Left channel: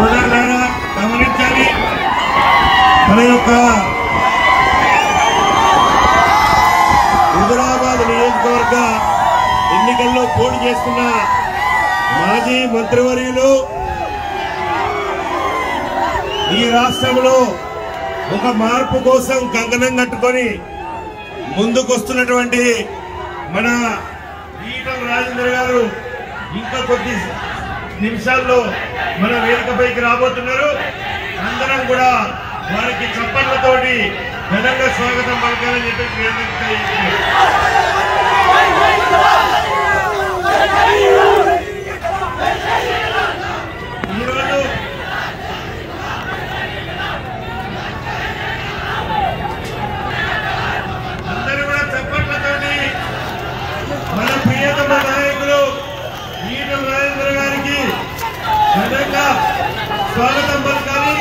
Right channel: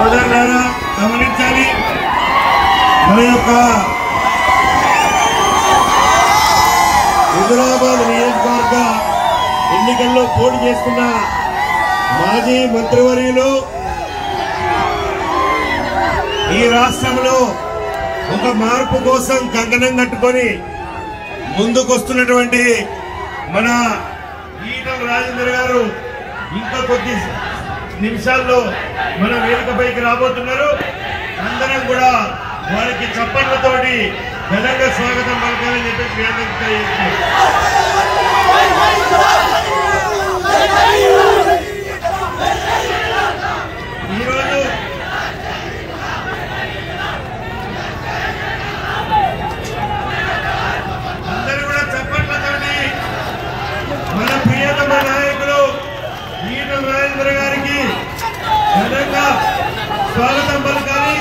సోదరులారా గమనించాలి, మన యొక్క హైదరాబాద్ నియోజకవర్గ ఎన్నికల్లో పోటీ చేస్తున్న మాజీ మంత్రివర్యులు ఈ రాష్ట్రంలో ఒక మార్పు కోసం కంకణం కట్టుకొని ముందుకొస్తున్నటువంటి మన ఈటల రాజేందర్ గారు ఇంకా కొద్ది నిమిషాల్లో మన వేదికపైకి రాబోతున్నారు. అందరం కూడా వారికి చప్పట్లతోటి ఘనంగా స్వాగతం పలకాలని చెప్పి ఈరోజు అందరూ కూడా చప్పట్లతోటి మన ప్రియతమ నాయకులు ఈటల రాజేందర్ గారికి ఘనంగా స్వాగతం పలకాలి.